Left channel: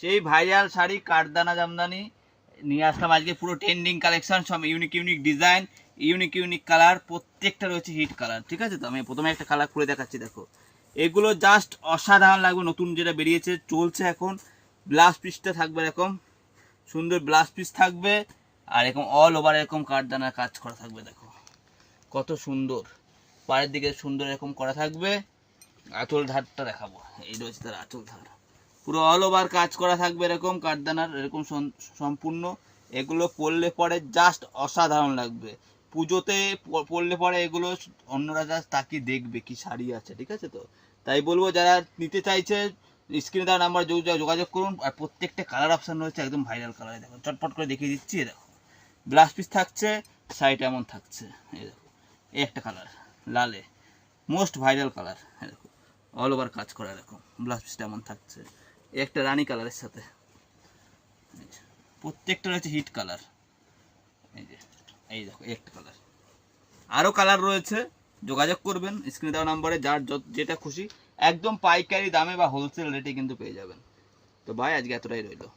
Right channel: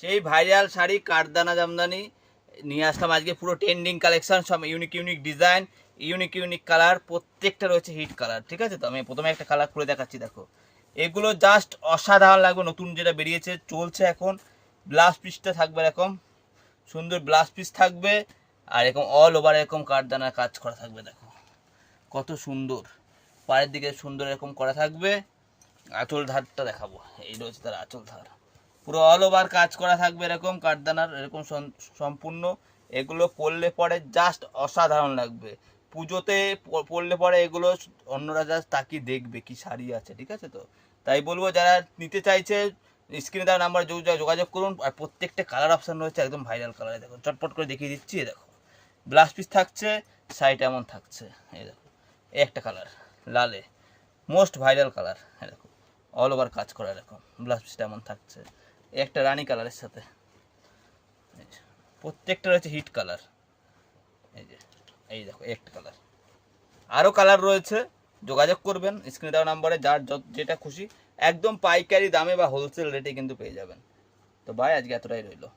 সেই ভাইরাল শাড়ি কাঠদানা জামদানি নিয়ে আসলাম আজকে, পুরো ট্রেন্ডিং কালেকশন, সব unique unique design, unique unique colour, প্রত্যেকটা রয়েছে হিট কালার। ঠিক আছে, তো আমি প্রথমে একটা কালার খুলে দেখাচ্ছি। দেখো এগুলো জাস্ট অসাধারণ লাগবে, নতুন যেটা বেরিয়েছে চলছে এখন। ব্লাউজ পিসটা থাকবে এরকম সুন্দর, ব্লাউজ পিস থাকবে আর এরকম অল ওভার এরকম কাঠদানার কাজ করা থাকবে। দেখো কত সুন্দর, পাড়ের দিকে সুন্দর এরকম করা থাকবে। আঁচল ধারটা দেখাবো, এই রয়েছে তার আঁচল ধার, পুরো অল ওভার কাজ করা থাকবে এরকম কাঠদানার, এরকম সম্পূর্ণ। এগুলো পরলে পরে জাস্ট অসাধারণ লাগবে, পুজোতে পরলে পরে এগুলো অন্যরা জাস্ট তাকিয়ে দেখবে কি শাড়ি আছে। ঠিক আছে, তো তাই বলবো যারা নিতে চাইছে স্ক্রিনে দেওয়া নাম্বার যোগাযোগ করুন। আর প্রত্যেকটা কালার অপশান রয়েছে একদম ভাইরাল কালারে। দেখো চটপট করে দেখিয়ে দিচ্ছি। দেখো ব্লাউজ পিস থাকছে, শাড়িটা এমন থাকছে। এই দেখো এই একটা কালার লালে, মোস্ট ভাইরাল কালার। হ্যাঁ দেখো অল ওভার কাজ করা এরকম, ব্লাউজ পিসটা এমন থাকছে। একটা রানী কালারের সাথে, প্রত্যেকটা রয়েছে হিট কালার। এই যে এই দেখো একটা কালার, আরও কালার রয়েছে, যোগাযোগ করবেন স্ক্রিনে দেওয়া নাম্বারে, যার যেটা খুশি একদম পাইকারি দামে বা হোলসেল রেটে কিন্তু পেয়ে যাবেন। তো ভাই আজকে এতটাই রইলো।